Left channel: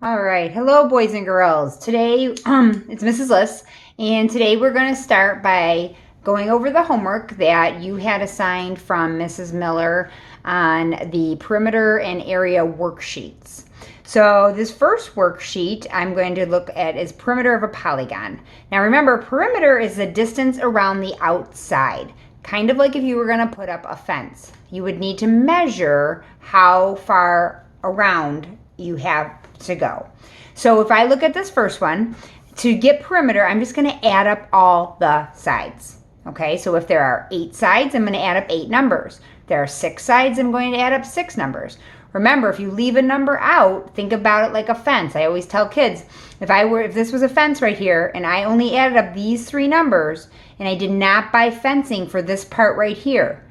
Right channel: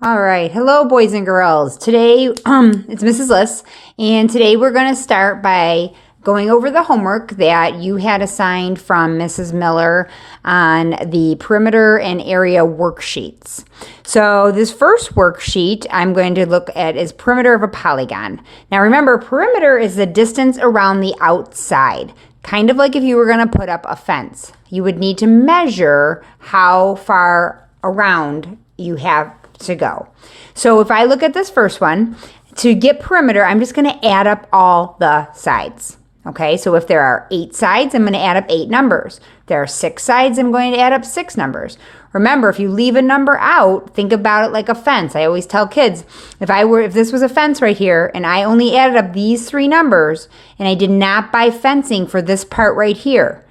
All right. Hello, boys and girls. Today, it's Mrs. Liss, and today we're going to start by going over the homework that you had assigned from Mrs. Miller on the perimeter and area worksheets. So this first worksheet I'm going to look at is perimeter of a polygon. Now remember, perimeter is the distance around the outside. Kind of like if you were going to put up a fence. You would need to measure how far around you have to go. So if I look at this first one, to get perimeter, I'm just going to add up all the sides. Okay, so if there are 8 sides, I'm going to add up 8 numbers. If there are 6 sides, I'm going to add up 6 numbers. Remember, if you leave a number out, think about it like a fence. I always tell kids, if this was a fence right here and I only added up these 3 numbers and I did not buy fencing for this part right here,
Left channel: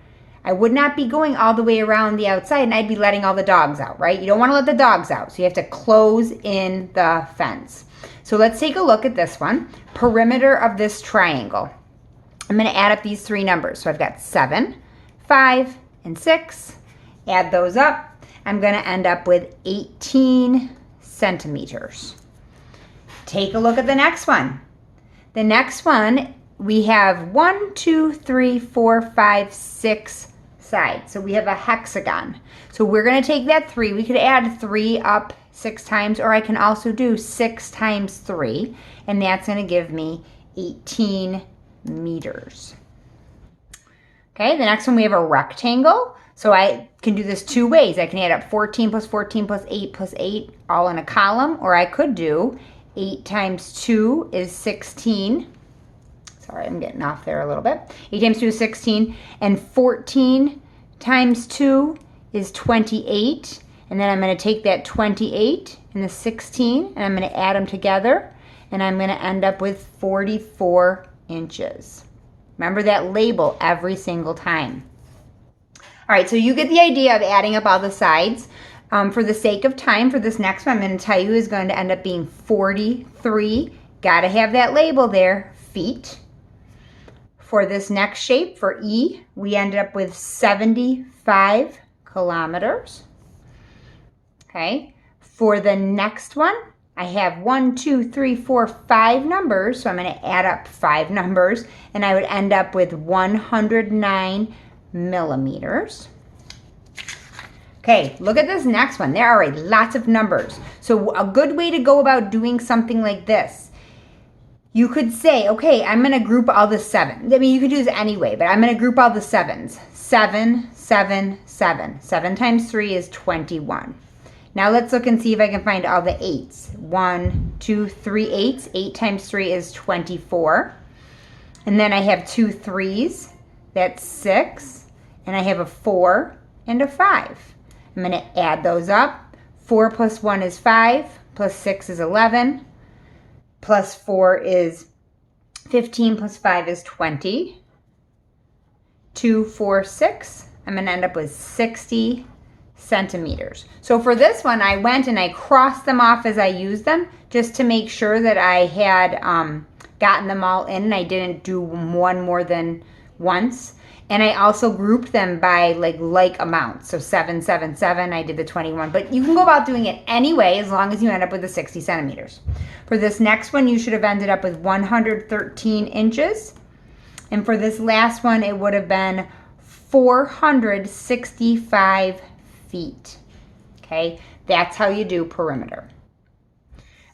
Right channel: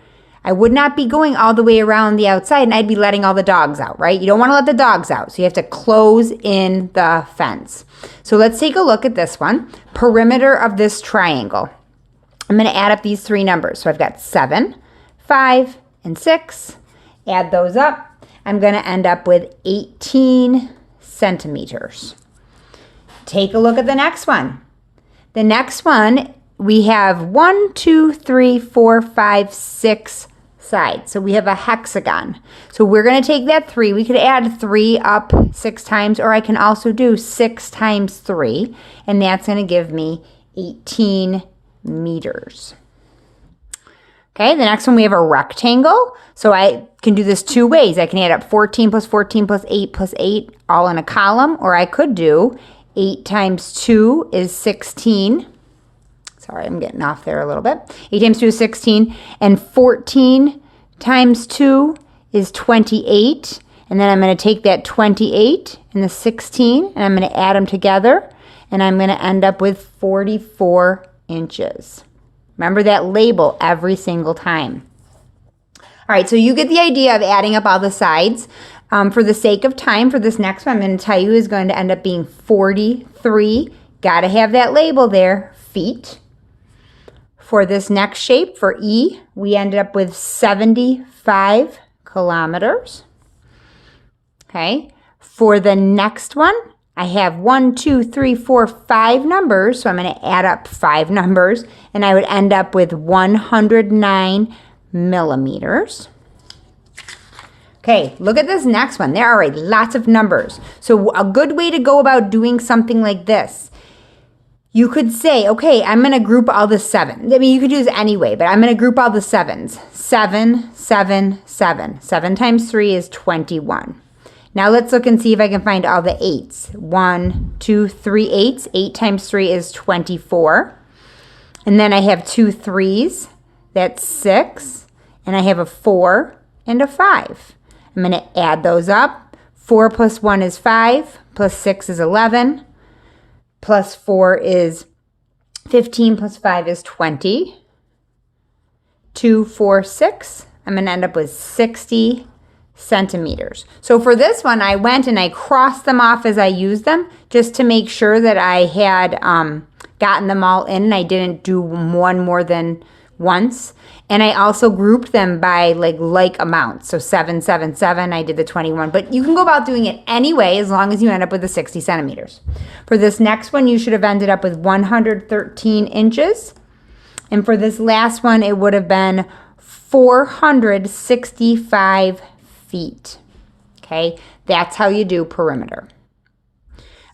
I would not be going all the way around the outside and I'd be letting all the dogs out, right? You don't want to let the dogs out, so you have to close in the fence. So let's take a look at this one. Perimeter of this triangle. I'm going to add up these 3 numbers. So I've got 7, 5, and 6. Add those up. I'm going to end up with 18 centimeters. Take a look at the next one. The next one, we have 1, 2, 3, 4, 5, 6 sides. So we have a hexagon. So we're going to take that 3. We could add 3 up 6 times, or I can also do 6 times 3, and that's going to give me 18 meters. Okay, the next one we have a rectangle. So I can do this 2 ways. I can add up 14 plus 14 plus 8 plus 8 all in a column, or I could do 8 times 2 is 16. Sorry, I'm getting off there a little bit. 8 times 2 is 16, and 14 times 2 is 28. And then I'm going to take that 28 and the 16, and I'm going to add them together, and I'm going to end up with 44 inches. Remember that label every single time. All right, so you get the idea of adding up all the sides. For the sake of time, for this next one, I'm going to tell you is going to end up being 43. Got to have that label there, feet. For this next shape, for E, we ended up with 75 kilometers. Okay. For the next one, I have 1, 2, 3, 4, 5 numbers. So I'm going to add up 5 numbers, and I would end up with 109 millimeters. Okay, look at this next one. There are lots of numbers. So a good way to go about doing something like this, you could say, okay, I'm going to group all the 7s. I mean, you could do this anyway, but I'm going to group all the 7s. 7, 7, 7. 7 times 3 is 21. Now let's look and see if I can find all the 8s. 1, 2, 3 8s. 8 times 3 is 24. And then I have 2 3s. That's 6. And I have a 4 and a 5. I'm going to add those up. 4 plus 1 is 5. Plus 6 is 11. Plus 4 is 15, plus 5 is 20. 2, 4, 6. I'm going to end up with 60 centimeters. So for this one, I went and I crossed them off as I used them, just to make sure that I had gotten them all in and I didn't do one more than once. And I also grouped them by like amounts. So 7, 7, 7, I did the 21. But you can go about doing it anyway as long as you end up with the 60 centimeters. For this next one, you should have ended up with 113 inches. And for this last one, it would have been 465 feet. Okay, that's how you do perimeter.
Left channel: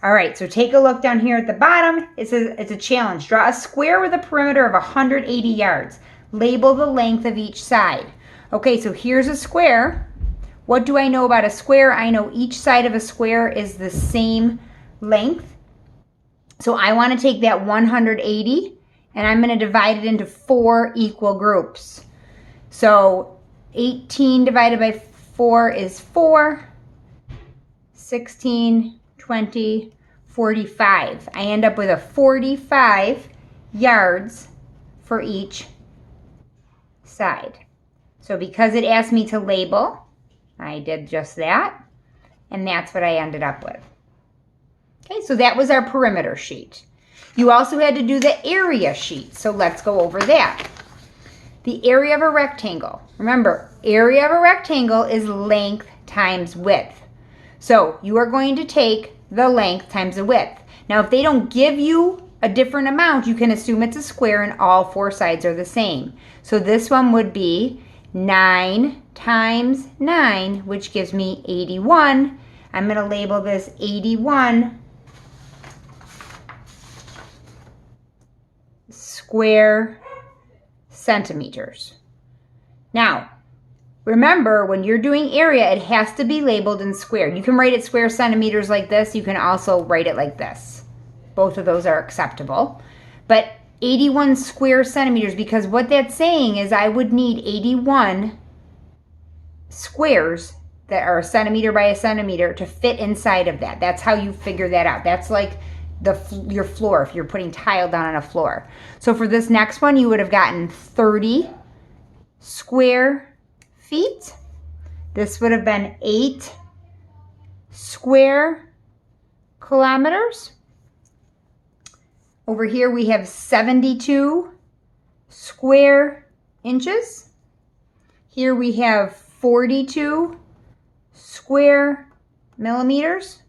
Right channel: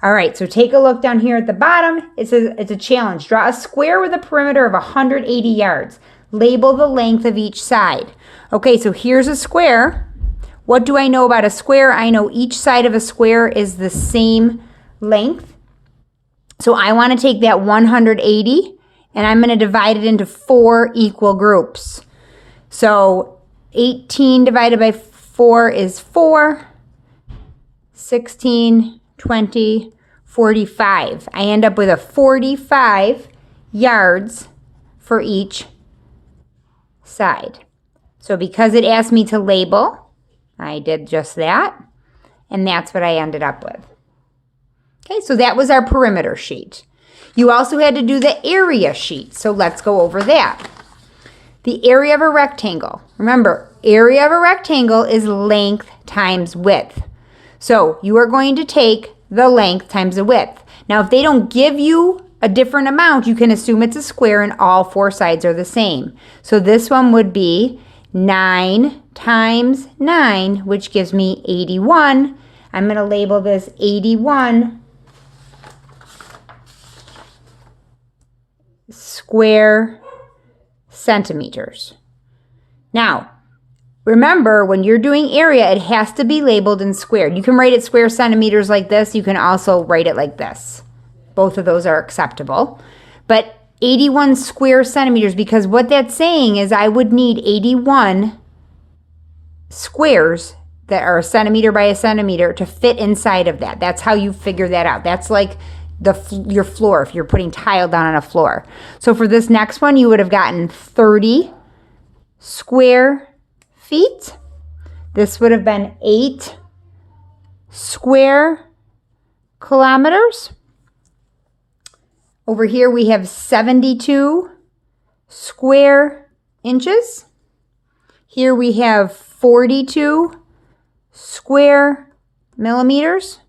All right, so take a look down here at the bottom. It says it's a challenge. Draw a square with a perimeter of 180 yards. Label the length of each side. Okay, so here's a square. What do I know about a square? I know each side of a square is the same length. So I want to take that 180 and I'm going to divide it into 4 equal groups. So 18 divided by 4 is 4. 16, 20, 45. I end up with a 45 yards for each side. So because it asked me to label, I did just that, and that's what I ended up with. Okay, so that was our perimeter sheet. You also had to do the area sheet, so let's go over that. The area of a rectangle. Remember, area of a rectangle is length times width. So you are going to take the length times the width. Now, if they don't give you a different amount, you can assume it's a square and all four sides are the same. So this one would be 9 times 9, which gives me 81. I'm going to label this 81 square centimeters. Now, remember, when you're doing area, it has to be labeled in squared. You can write it square centimeters like this. You can also write it like this. Both of those are acceptable. But 81 square centimeters, because what that's saying is I would need 81 squares that are a centimeter by a centimeter to fit inside of that. That's how you figure that out. That's like your floor, if you're putting tile down on a floor. So for this next one, you would have gotten 30 square feet. This would have been 8 square kilometers. Over here we have 72 square inches. Here we have 42 square millimeters.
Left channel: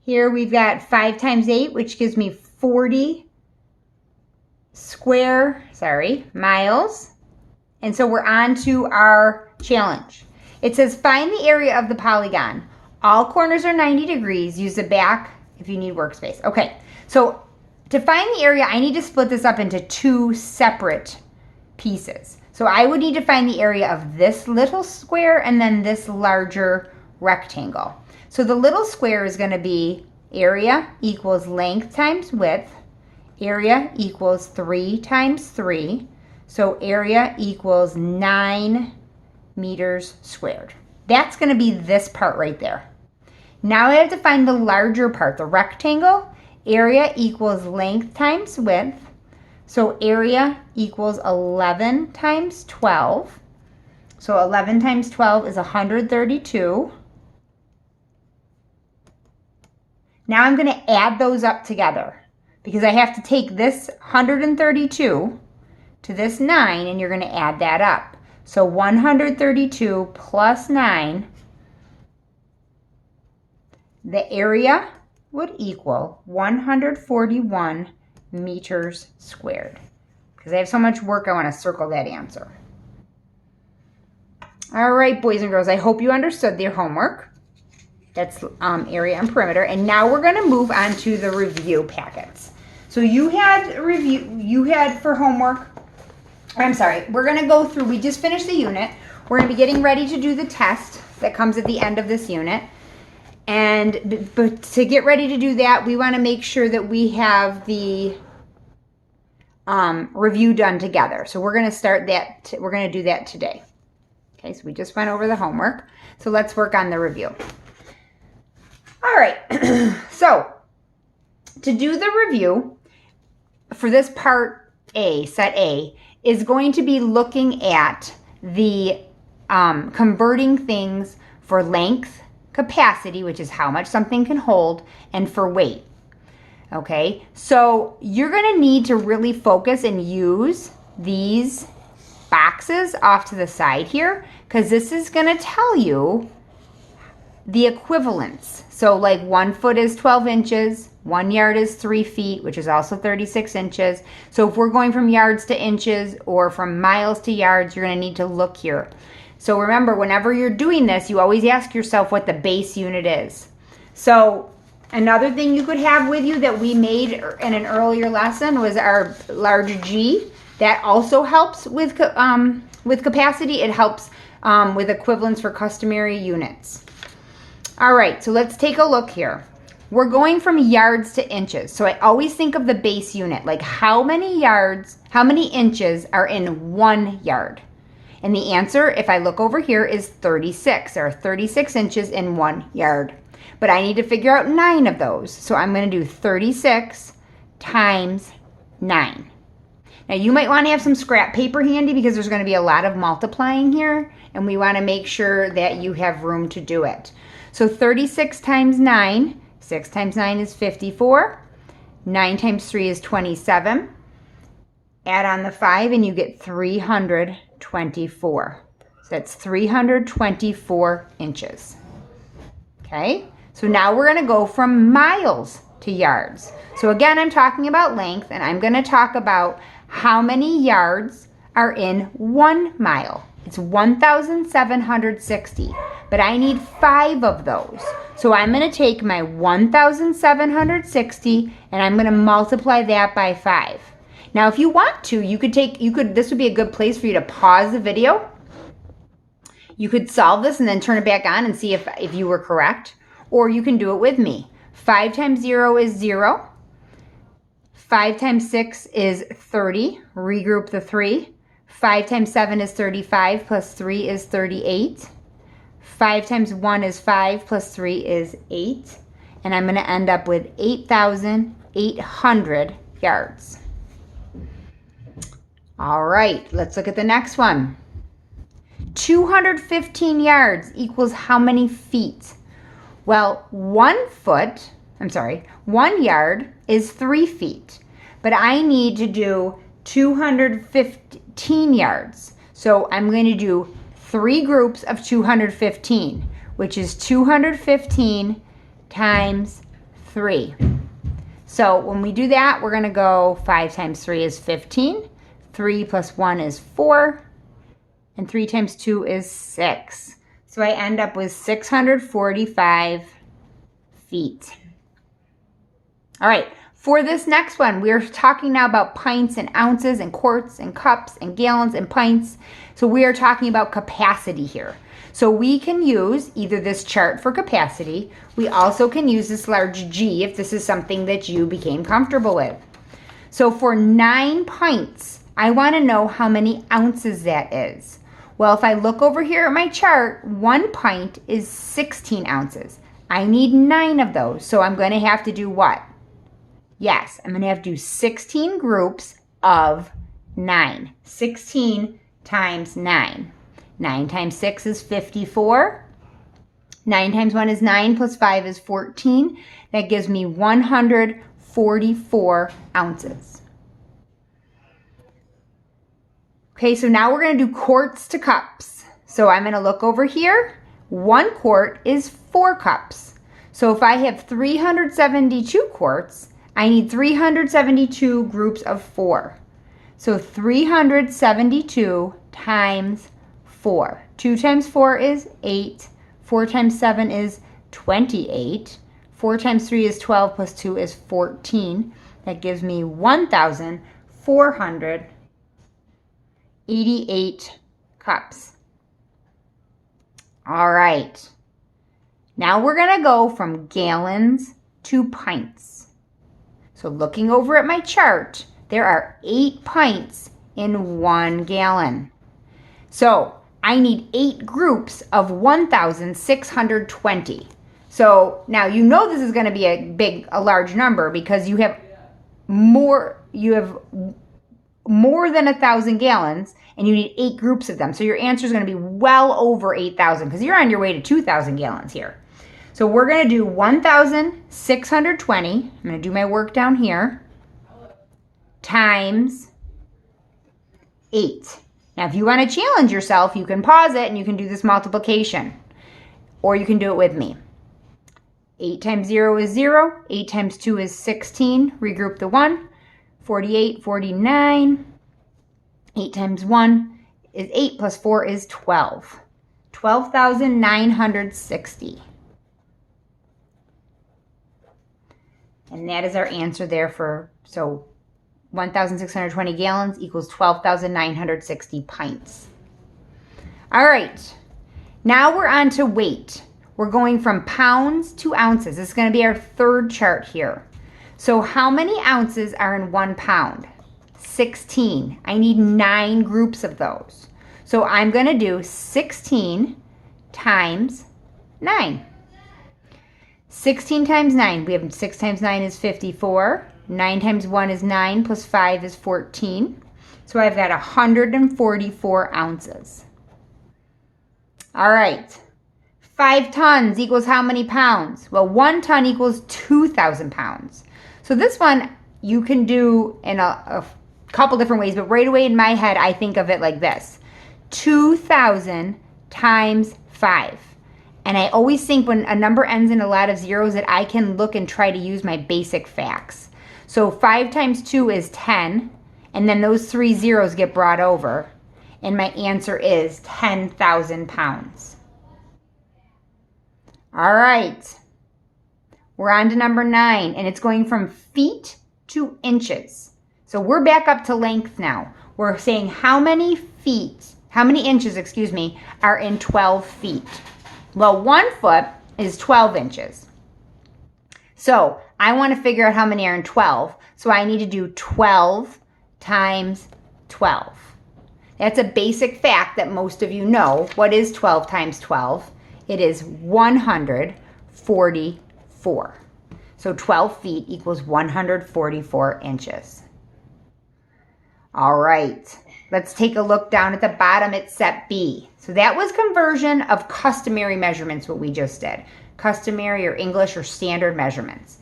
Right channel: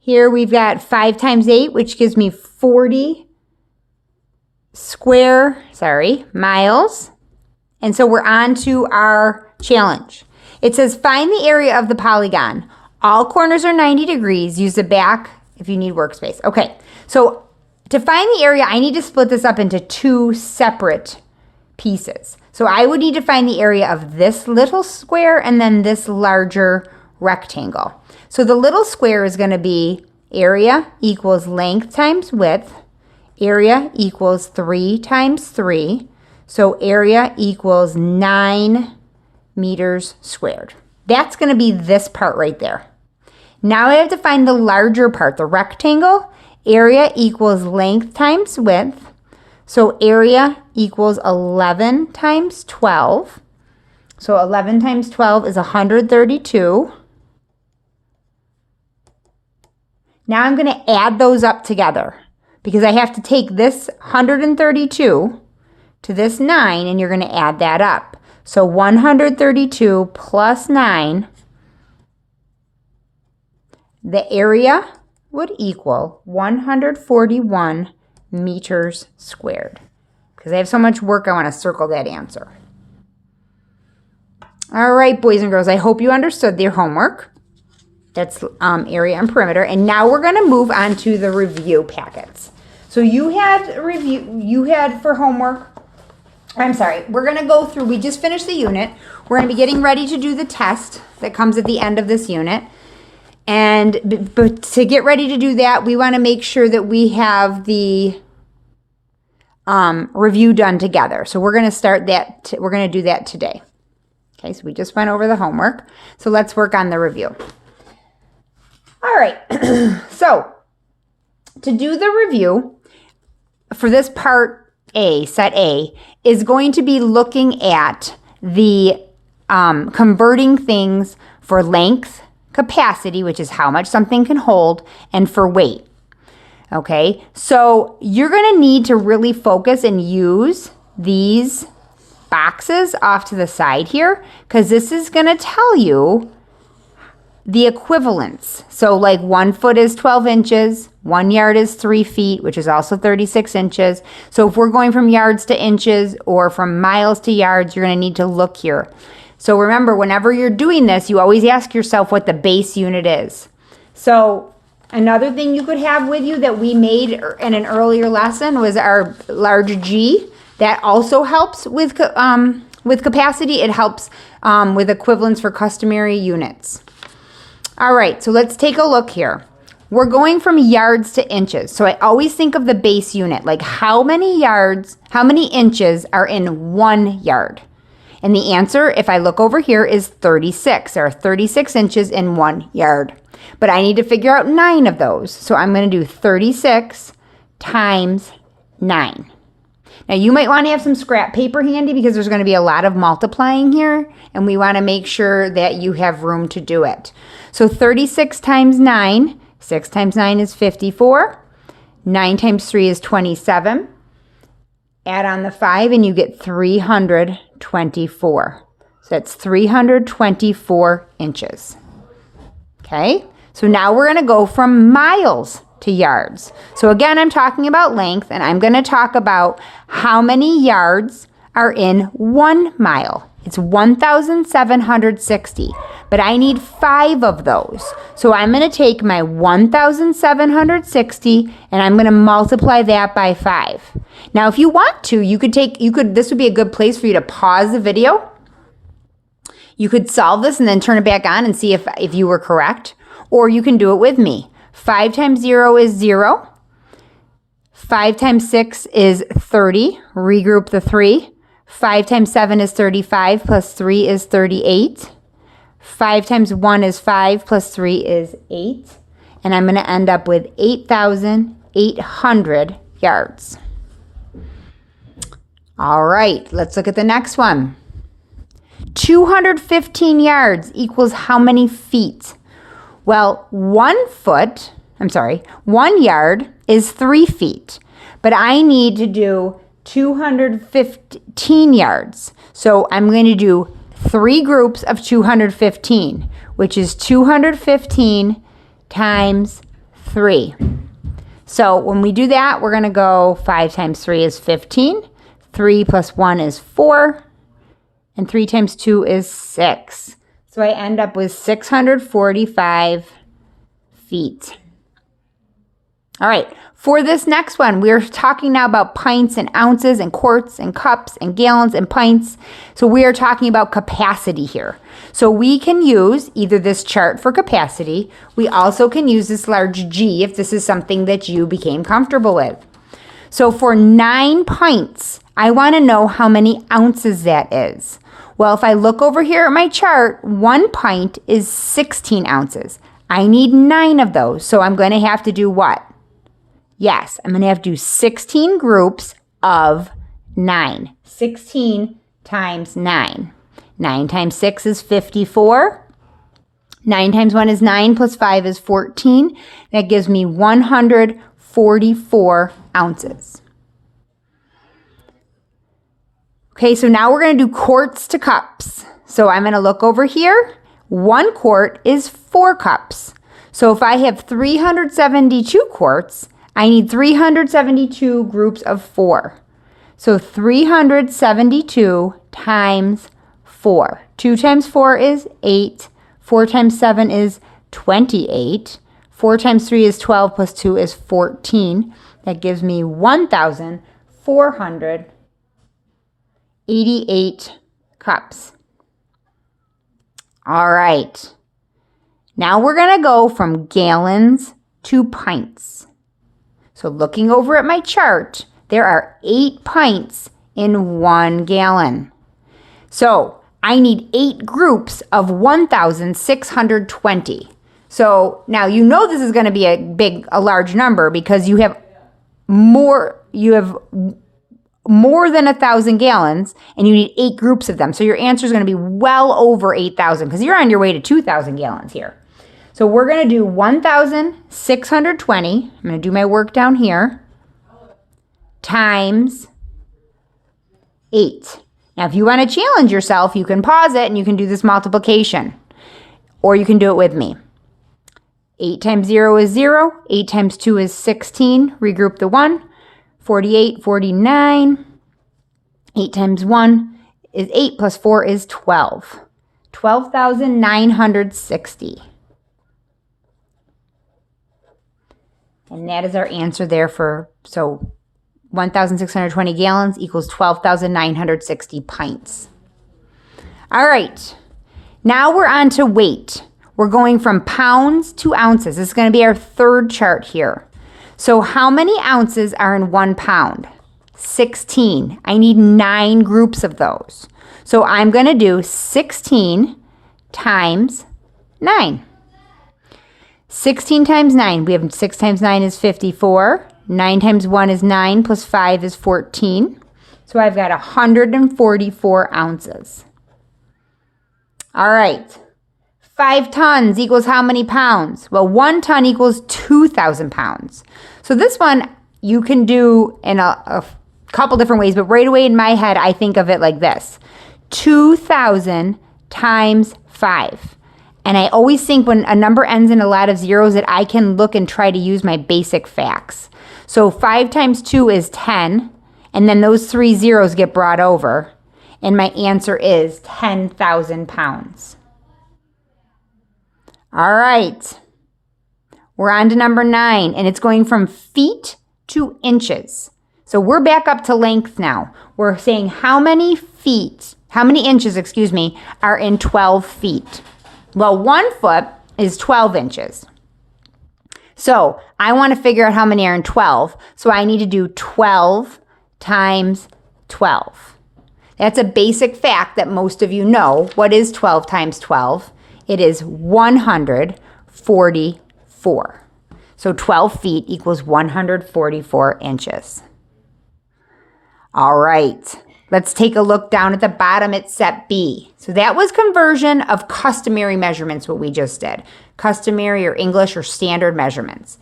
Here we've got 5 times 8, which gives me 40 miles. And so we're on to our challenge. It says find the area of the polygon. All corners are 90 degrees. Use the back if you need workspace. Okay, so to find the area, I need to split this up into 2 separate pieces. So I would need to find the area of this little square and then this larger rectangle. So the little square is going to be area equals length times width. Area equals 3 times 3. So area equals 9 meters squared. That's going to be this part right there. Now I have to find the larger part, the rectangle. Area equals length times width. So area equals 11 times 12. So 11 times 12 is 132. Now I'm going to add those up together because I have to take this 132 to this 9 and you're going to add that up. So 132 plus 9, the area would equal 141 meters squared. Because I have so much work, I want to circle that answer. All right, boys and girls, I hope you understood your homework. That's area and perimeter. And now we're going to move on to the review packets. So you had for homework, I'm sorry, we're going to go through, we just finished the unit. We're going to be getting ready to do the test that comes at the end of this unit. And but to get ready to do that, we want to make sure that we have the review done together. So we're going to start that, we're going to do that today. Okay, so we just went over the homework. So let's work on the review. All right, so to do the review for this part A, set A, is going to be looking at the converting things for length, capacity, which is how much something can hold, and for weight. Okay, so you're going to need to really focus and use these boxes off to the side here because this is going to tell you the equivalence. So like 1 foot is 12 inches, 1 yard is 3 feet, which is also 36 inches. So if we're going from yards to inches or from miles to yards, you're going to need to look here. So remember, whenever you're doing this, you always ask yourself what the base unit is. So another thing you could have with you that we made in an earlier lesson was our large G. That also helps with capacity. It helps with equivalence for customary units. All right, so let's take a look here. We're going from yards to inches. So I always think of the base unit, like how many inches are in 1 yard? And the answer, if I look over here, is 36. There are 36 inches in 1 yard. But I need to figure out 9 of those. So I'm going to do 36 times 9. Now you might want to have some scrap paper handy because there's going to be a lot of multiplying here. And we want to make sure that you have room to do it. So 36 times 9, 6 times 9 is 54. 9 times 3 is 27. Add on the 5 and you get 324. So that's 324 inches. Okay, So now we're going to go from miles to yards. So again, I'm talking about length, and I'm going to talk about how many yards are in 1 mile. It's 1,760, but I need 5 of those. So I'm going to take my 1,760 and I'm going to multiply that by 5. Now, if you want to, this would be a good place for you to pause the video. You could solve this and then turn it back on and see if you were correct, or you can do it with me. 5 times 0 is 0. 5 times 6 is 30. Regroup the 3. 5 times 7 is 35, plus 3 is 38. 5 times 1 is 5, plus 3 is 8. And I'm going to end up with 8,800 yards. All right, let's look at the next one. 215 yards equals how many feet? Well, 1 yard is 3 feet, but I need to do 215 yards. So I'm going to do 3 groups of 215, which is 215 times 3. So when we do that, we're going to go 5 times 3 is 15, 3 plus 1 is 4, and 3 times 2 is 6. So I end up with 645 feet. All right, for this next one, we're talking now about pints and ounces and quarts and cups and gallons and pints. So we are talking about capacity here. So we can use either this chart for capacity. We also can use this large G if this is something that you became comfortable with. So for 9 pints, I want to know how many ounces that is. Well, if I look over here at my chart, 1 pint is 16 ounces. I need 9 of those, so I'm going to have to do what? Yes, I'm going to have to do 16 groups of 9. 16 times 9. 9 times 6 is 54. 9 times 1 is 9, plus 5 is 14. That gives me 144 ounces. Okay, so now we're going to do quarts to cups. So I'm going to look over here. 1 quart is 4 cups. So if I have 372 quarts, I need 372 groups of 4. So 372 times 4. 2 times 4 is 8. 4 times 7 is 28. 4 times 3 is 12, plus 2 is 14. That gives me 1,488 cups. All right. Now we're going to go from gallons to pints. So looking over at my chart, there are 8 pints in 1 gallon. So I need 8 groups of 1,620. So now you know this is going to be a large number because you have more than 1,000 gallons and you need 8 groups of them. So your answer is going to be well over 8,000 because you're on your way to 2,000 gallons here. So we're going to do 1,620. I'm going to do my work down here times 8. Now, if you want to challenge yourself, you can pause it and you can do this multiplication, or you can do it with me. 8 times 0 is 0. 8 times 2 is 16. Regroup the 1. 48, 49. 8 times 1 is 8, plus 4 is 12. 12,960. And that is our answer there so 1,620 gallons equals 12,960 pints. All right, now we're on to weight. We're going from pounds to ounces. This is going to be our third chart here. So how many ounces are in 1 pound? 16. I need 9 groups of those. So I'm going to do 16 times 9. 16 times 9, we have 6 times 9 is 54. 9 times 1 is 9, plus 5 is 14. So I've got 144 ounces. All right. 5 tons equals how many pounds? Well, 1 ton equals 2,000 pounds. So this one you can do in a couple different ways, but right away in my head, I think of it like this. 2,000 times 5. And I always think when a number ends in a lot of zeros that I can look and try to use my basic facts. So 5 times 2 is 10, and then those 3 zeros get brought over, and my answer is 10,000 pounds. All right, we're on to number 9, and it's going from feet to inches. So we're back up to length now. We're saying how many inches, are in 12 feet. Well, 1 foot is 12 inches. So I want to figure out how many are in 12. So I need to do 12 times 12. That's a basic fact that most of you know. What is 12 times 12? It is 144. So 12 feet equals 144 inches. All right. Let's take a look down at the bottom at set B. So that was conversion of customary measurements, what we just did. Customary or English or standard measurements.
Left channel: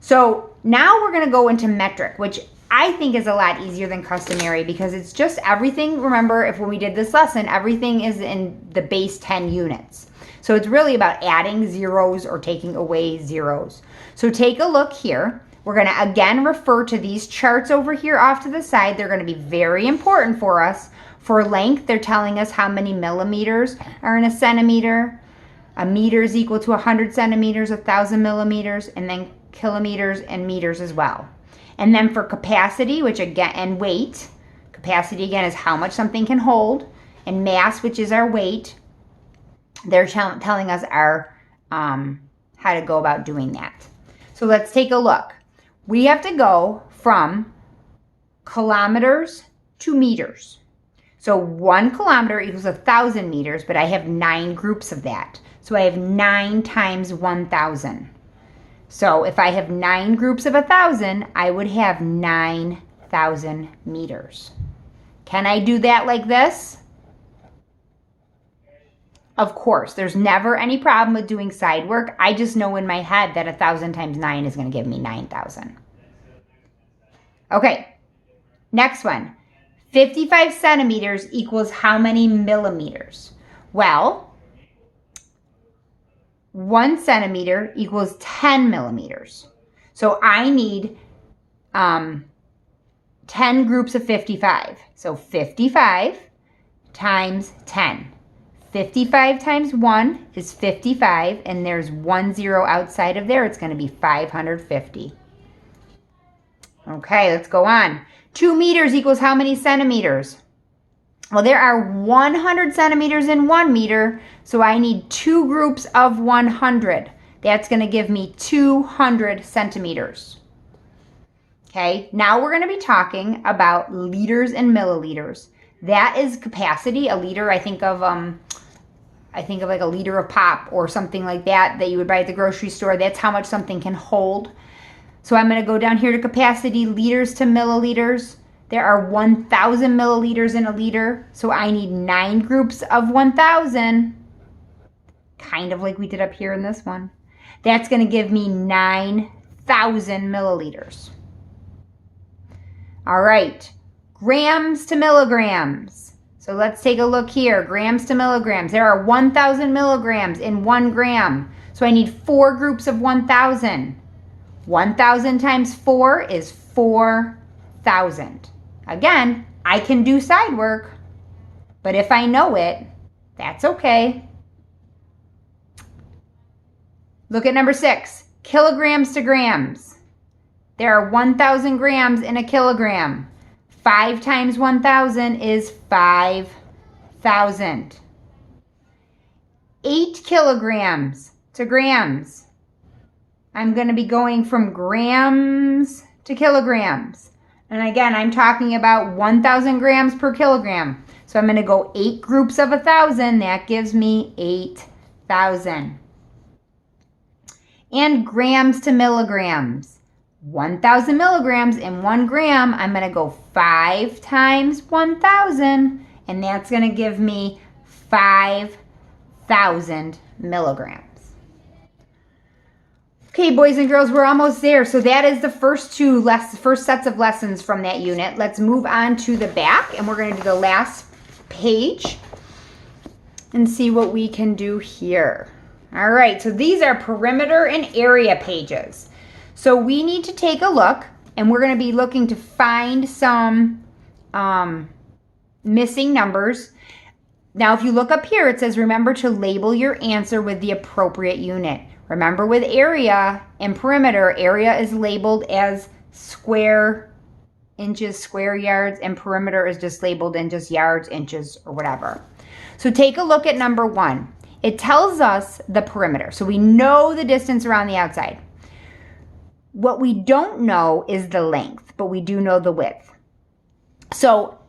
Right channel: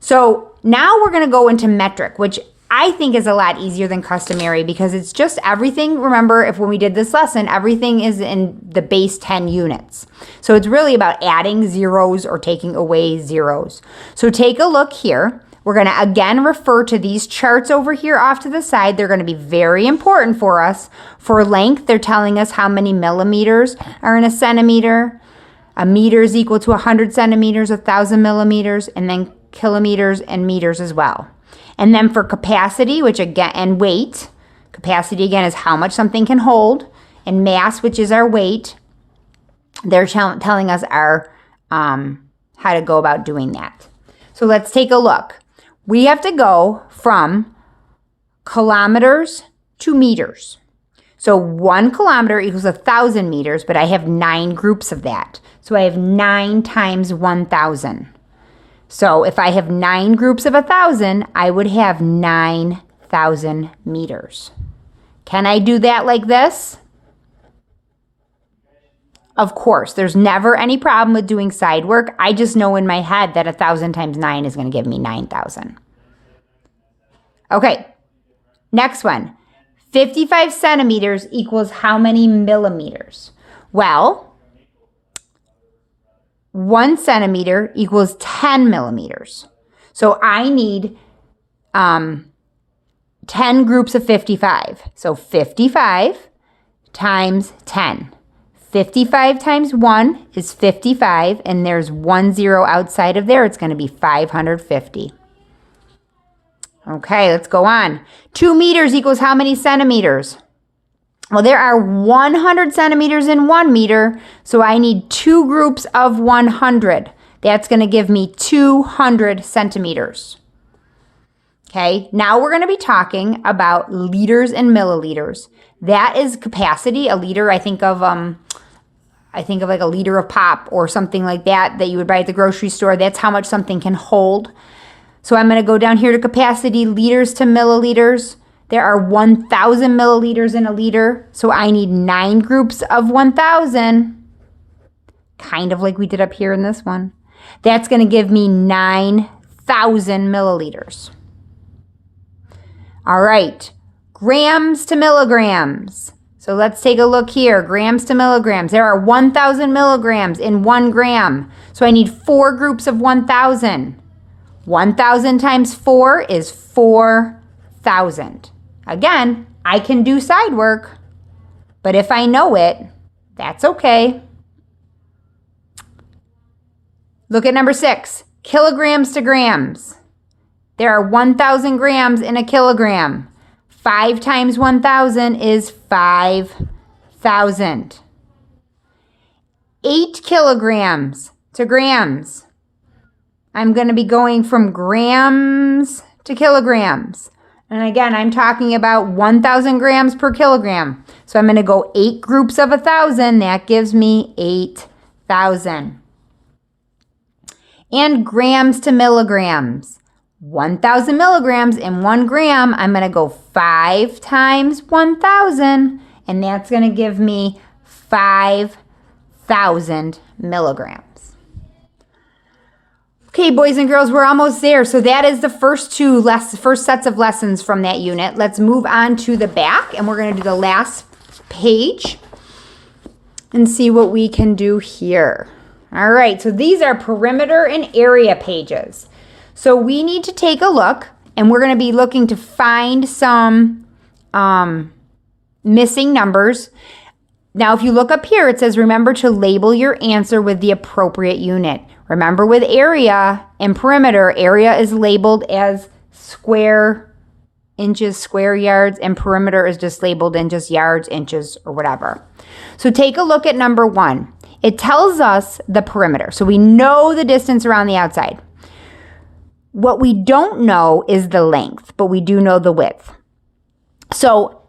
So now we're going to go into metric, which I think is a lot easier than customary because it's just everything. Remember, when we did this lesson, everything is in the base 10 units. So it's really about adding zeros or taking away zeros. So take a look here. We're going to again refer to these charts over here off to the side. They're going to be very important for us. For length, they're telling us how many millimeters are in a centimeter. A meter is equal to 100 centimeters, 1,000 millimeters, and then kilometers and meters as well. And then for capacity, which again, and weight, capacity again is how much something can hold, and mass, which is our weight, they're telling us our how to go about doing that. So let's take a look. We have to go from kilometers to meters. So 1 kilometer equals 1,000 meters, but I have 9 groups of that. So I have 9 times 1,000. So if I have 9 groups of 1,000, I would have 9,000 meters. Can I do that like this? Of course, there's never any problem with doing side work. I just know in my head that 1,000 times 9 is going to give me 9,000. Okay, next one. 55 centimeters equals how many millimeters? Well, 1 centimeter equals 10 millimeters. So I need 10 groups of 55. So 55 times 10. 55 times 1 is 55, and there's 1 0 outside of there. It's going to be 550. Okay, let's go on. 2 meters equals how many centimeters? Well, there are 100 centimeters in 1 meter, so I need 2 groups of 100. That's going to give me 200 centimeters. Okay, now we're going to be talking about liters and milliliters. That is capacity. A liter, I think of like a liter of pop or something like that you would buy at the grocery store. That's how much something can hold. So I'm going to go down here to capacity, liters to milliliters. There are 1,000 milliliters in a liter, so I need 9 groups of 1,000, kind of like we did up here in this one. That's going to give me 9,000 milliliters. All right, grams to milligrams. So let's take a look here, grams to milligrams. There are 1,000 milligrams in 1 gram, so I need 4 groups of 1,000. 1,000 times 4 is 4,000. Again, I can do side work, but if I know it, that's okay. Look at number 6, kilograms to grams. There are 1,000 grams in a kilogram. 5 times 1,000 is 5,000. 8 kilograms to grams. I'm going to be going from grams to kilograms. And again, I'm talking about 1,000 grams per kilogram. So I'm going to go 8 groups of 1,000. That gives me 8,000. And grams to milligrams. 1,000 milligrams in 1 gram. I'm going to go 5 times 1,000. And that's going to give me 5,000 milligrams. Okay, boys and girls, we're almost there. So that is the first sets of lessons from that unit. Let's move on to the back, and we're going to do the last page and see what we can do here. All right, so these are perimeter and area pages. So we need to take a look, and we're going to be looking to find some missing numbers. Now, if you look up here, it says remember to label your answer with the appropriate unit. Remember, with area and perimeter, area is labeled as square inches, square yards, and perimeter is just labeled in just yards, inches, or whatever. So take a look at number 1. It tells us the perimeter. So we know the distance around the outside. What we don't know is the length, but we do know the width. So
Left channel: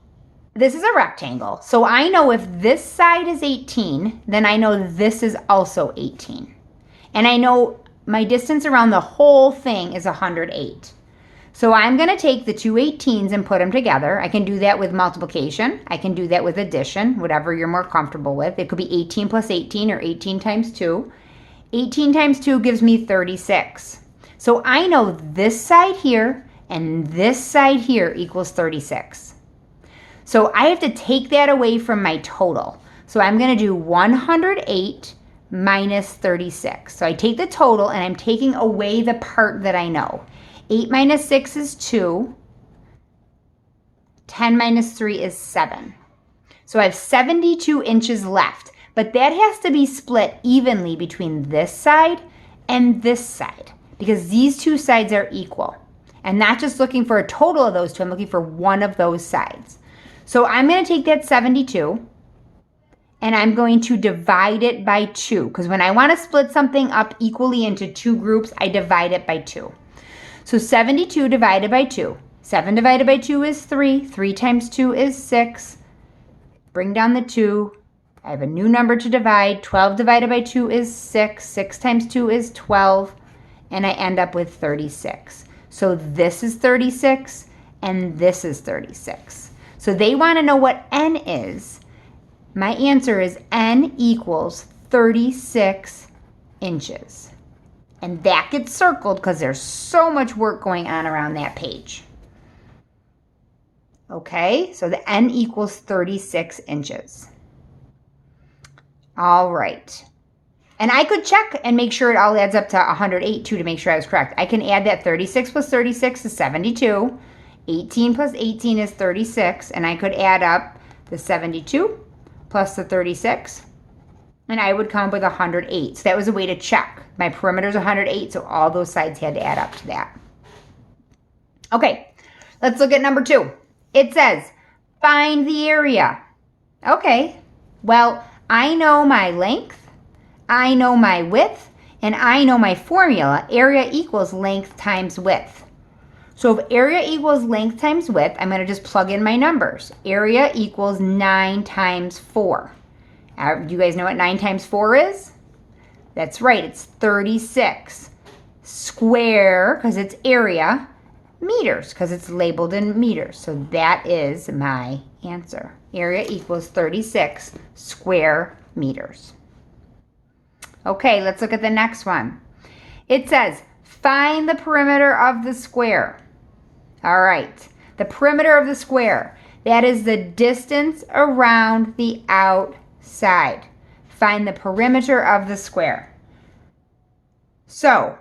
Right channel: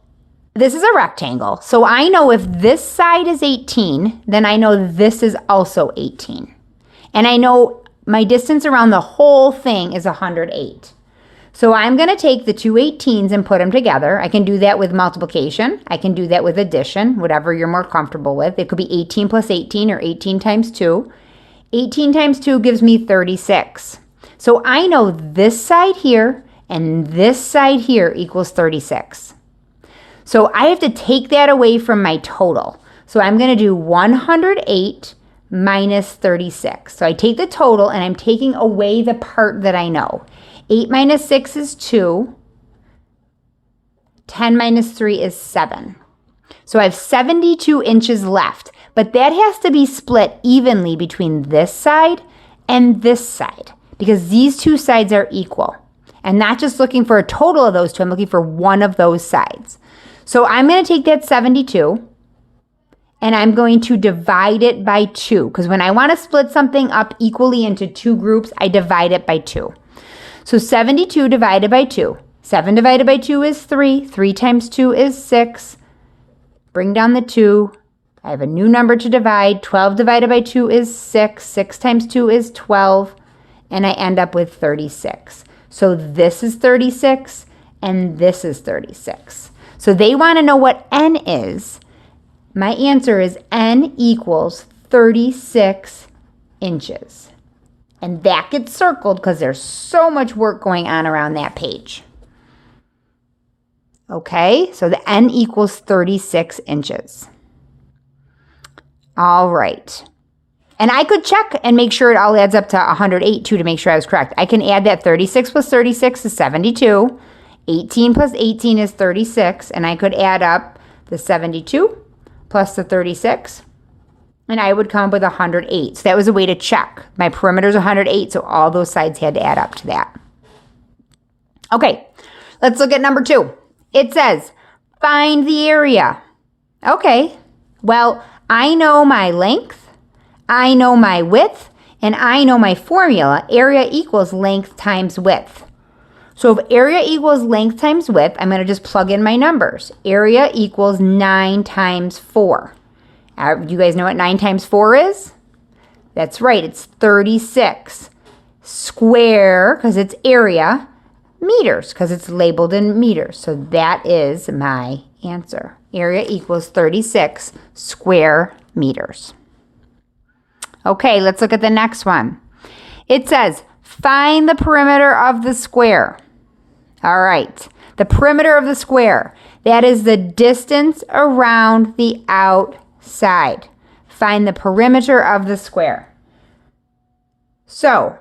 this is a rectangle. So I know if this side is 18, then I know this is also 18. And I know my distance around the whole thing is 108. So I'm going to take the two 18s and put them together. I can do that with multiplication. I can do that with addition, whatever you're more comfortable with. It could be 18 plus 18 or 18 times 2. 18 times 2 gives me 36. So I know this side here and this side here equals 36. So I have to take that away from my total. So I'm going to do 108 minus 36. So I take the total and I'm taking away the part that I know. 8 minus 6 is 2. 10 minus 3 is 7. So I have 72 inches left, but that has to be split evenly between this side and this side because these two sides are equal. And not just looking for a total of those two, I'm looking for one of those sides. So I'm going to take that 72 and I'm going to divide it by 2 because when I want to split something up equally into two groups, I divide it by 2. So 72 divided by 2. 7 divided by 2 is 3. 3 times 2 is 6. Bring down the 2. I have a new number to divide. 12 divided by 2 is 6. 6 times 2 is 12. And I end up with 36. So this is 36 and this is 36. So they want to know what n is. My answer is n equals 36 inches. And that gets circled because there's so much work going on around that page. Okay, so the n equals 36 inches. All right. And I could check and make sure it all adds up to 108 too to make sure I was correct. I can add that 36 plus 36 is 72. 18 plus 18 is 36. And I could add up the 72 plus the 36. And I would come up with 108. So that was a way to check. My perimeter is 108, so all those sides had to add up to that. Okay, let's look at number 2. It says, find the area. Okay, well, I know my length, I know my width, and I know my formula. Area equals length times width. So if area equals length times width, I'm going to just plug in my numbers. Area equals 9 times 4. You guys know what 9 times 4 is? That's right, it's 36. Square, because it's area. Meters, because it's labeled in meters. So that is my answer. Area equals 36 square meters. Okay, let's look at the next one. It says, find the perimeter of the square. All right, the perimeter of the square. That is the distance around the outside. Find the perimeter of the square. So,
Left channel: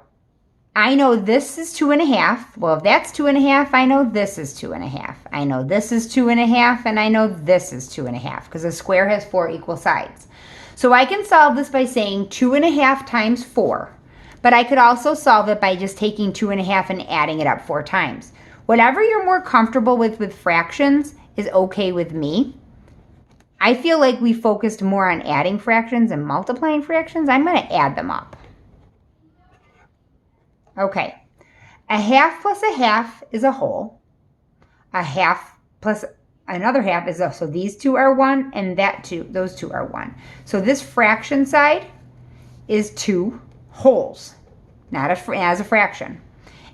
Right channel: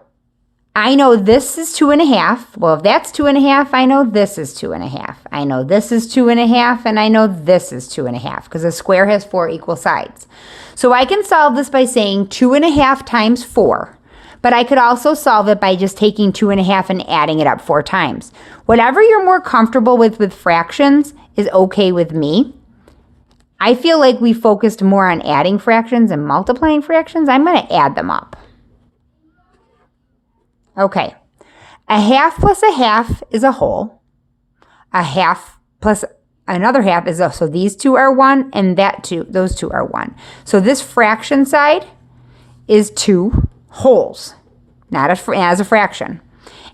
I know this is 2.5. Well, if that's 2.5, I know this is 2.5. I know this is 2.5, and I know this is 2.5, because a square has 4 equal sides. So I can solve this by saying 2.5 times 4. But I could also solve it by just taking 2.5 and adding it up 4 times. Whatever you're more comfortable with fractions is okay with me. I feel like we focused more on adding fractions and multiplying fractions. I'm going to add them up. Okay, a half plus a half is a whole. A half plus another half is a, so these two are 1 and that two, those two are 1. So this fraction side is 2 wholes, not as a fraction.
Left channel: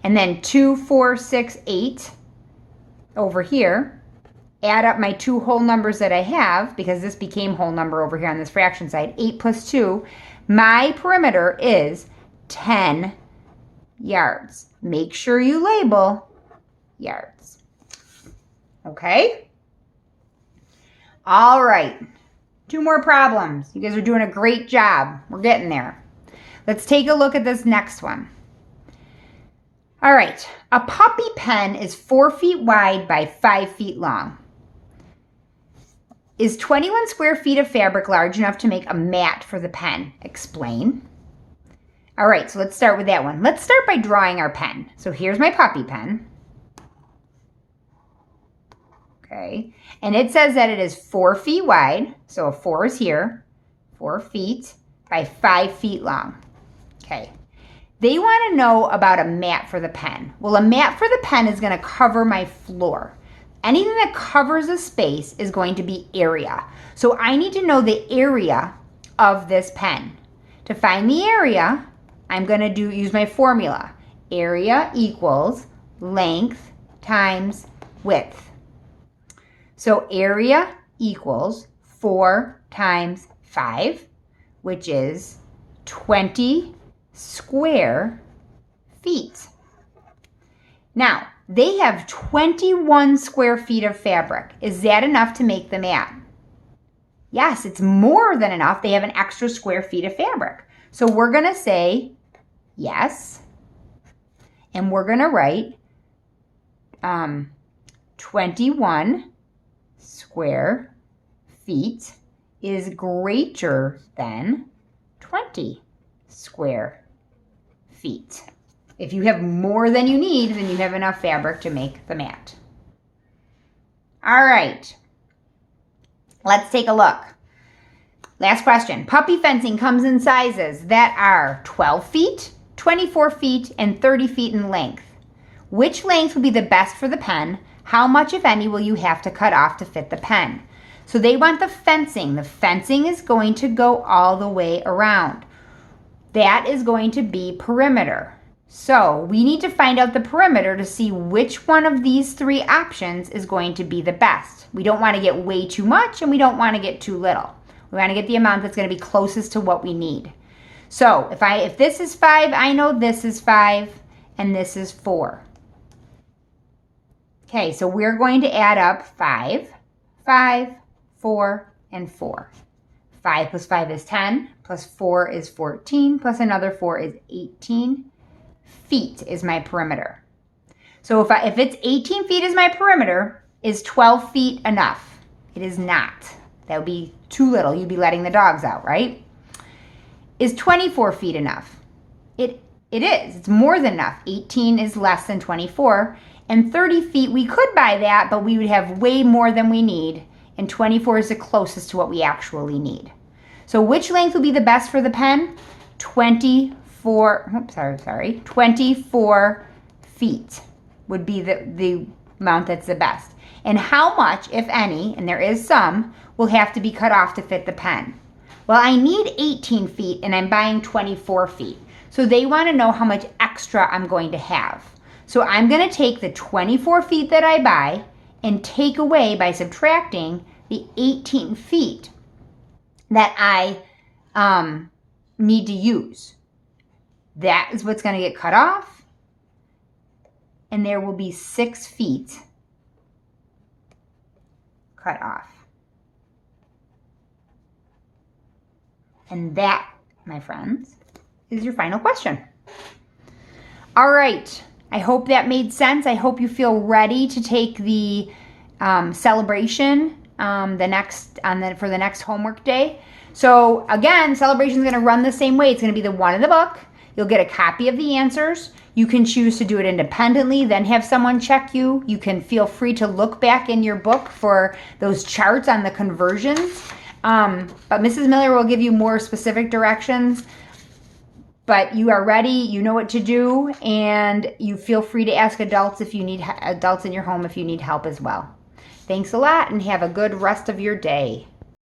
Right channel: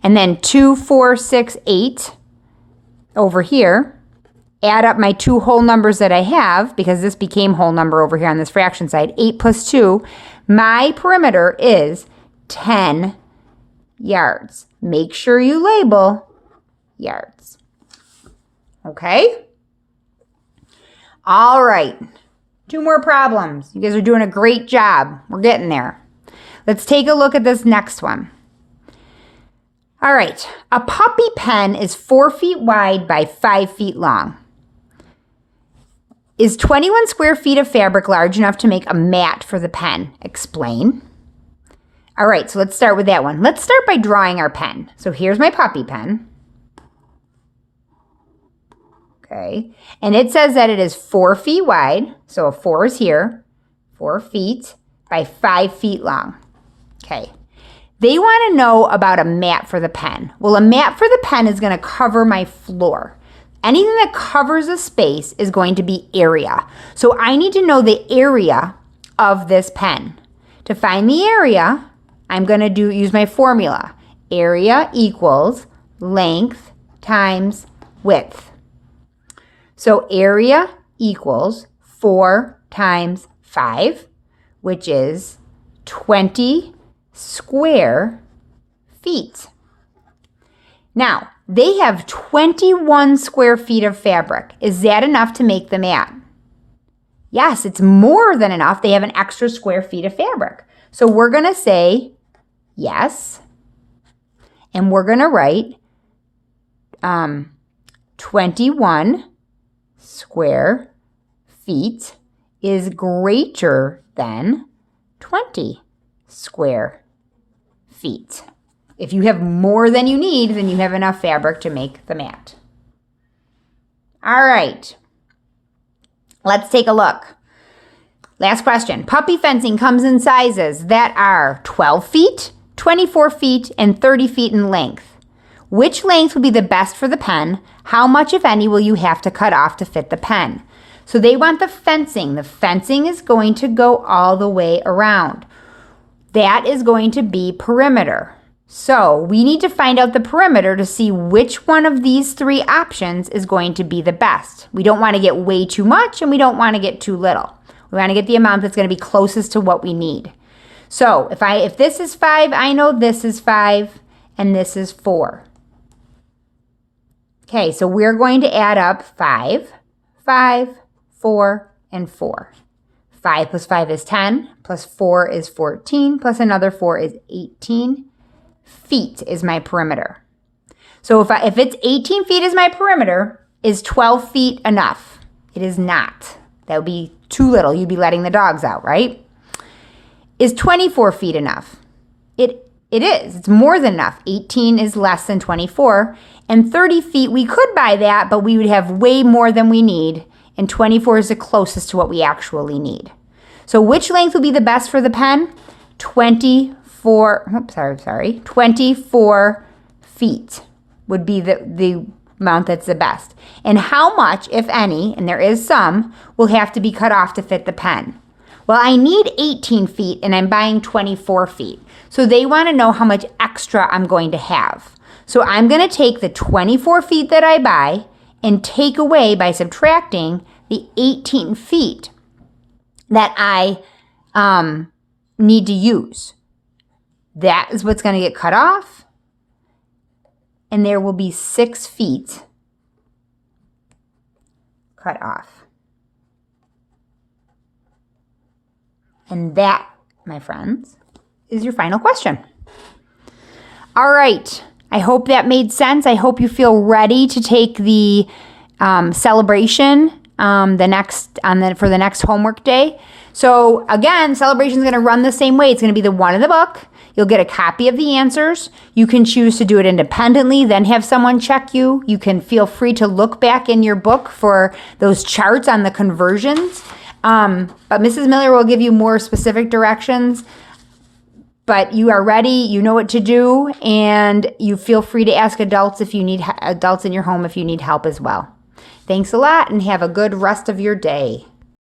And then 2, 4, 6, 8 over here. Add up my 2 whole numbers that I have, because this became whole number over here on this fraction side. 8 plus 2, my perimeter is 10 yards. Make sure you label yards. Okay? All right. 2 more problems. You guys are doing a great job. We're getting there. Let's take a look at this next one. All right, a puppy pen is 4 feet wide by 5 feet long. Is 21 square feet of fabric large enough to make a mat for the pen? Explain. All right, so let's start with that one. Let's start by drawing our pen. So here's my puppy pen. Okay, and it says that it is 4 feet wide. So a 4 is here, 4 feet by 5 feet long. Okay. They want to know about a mat for the pen. Well, a mat for the pen is going to cover my floor. Anything that covers a space is going to be area. So I need to know the area of this pen. To find the area, I'm going to use my formula. Area equals length times width. So area equals 4 times 5, which is 20 square feet. Now, they have 21 square feet of fabric. Is that enough to make the mat? Yes, it's more than enough. They have an extra square feet of fabric. So we're going to say yes, and we're going to write 21 square feet is greater than 20 square feet. If you have more than you need, then you have enough fabric to make the mat. All right, let's take a look. Last question. Puppy fencing comes in sizes that are 12 feet, 24 feet, and 30 feet in length. Which length will be the best for the pen? How much, if any, will you have to cut off to fit the pen? So they want the fencing. The fencing is going to go all the way around. That is going to be perimeter. So we need to find out the perimeter to see which one of these 3 options is going to be the best. We don't want to get way too much and we don't want to get too little. We want to get the amount that's going to be closest to what we need. So if this is 5, I know this is 5 and this is 4. Okay, so we're going to add up 5, 5, 4, and 4. 5 plus 5 is 10, plus 4 is 14, plus another 4 is 18 feet is my perimeter. So if it's 18 feet is my perimeter, is 12 feet enough? It is not. That would be too little. You'd be letting the dogs out, right? Is 24 feet enough? It is. It's more than enough. 18 is less than 24. And 30 feet, we could buy that, but we would have way more than we need. And 24 is the closest to what we actually need. So which length will be the best for the pen? 24 feet would be the amount that's the best. And how much, if any, and there is some, will have to be cut off to fit the pen? Well, I need 18 feet and I'm buying 24 feet. So they want to know how much extra I'm going to have. So I'm going to take the 24 feet that I buy and take away by subtracting the 18 feet that I need to use. That is what's going to get cut off. And there will be 6 feet cut off. And that, my friends, is your final question. All right. I hope that made sense. I hope you feel ready to take the celebration for the next homework day. So again, celebration is going to run the same way. It's going to be the one in the book. You'll get a copy of the answers. You can choose to do it independently, then have someone check you. You can feel free to look back in your book for those charts on the conversions. But Mrs. Miller will give you more specific directions. But you are ready, you know what to do, and you feel free to ask adults in your home if you need help as well. Thanks a lot and have a good rest of your day.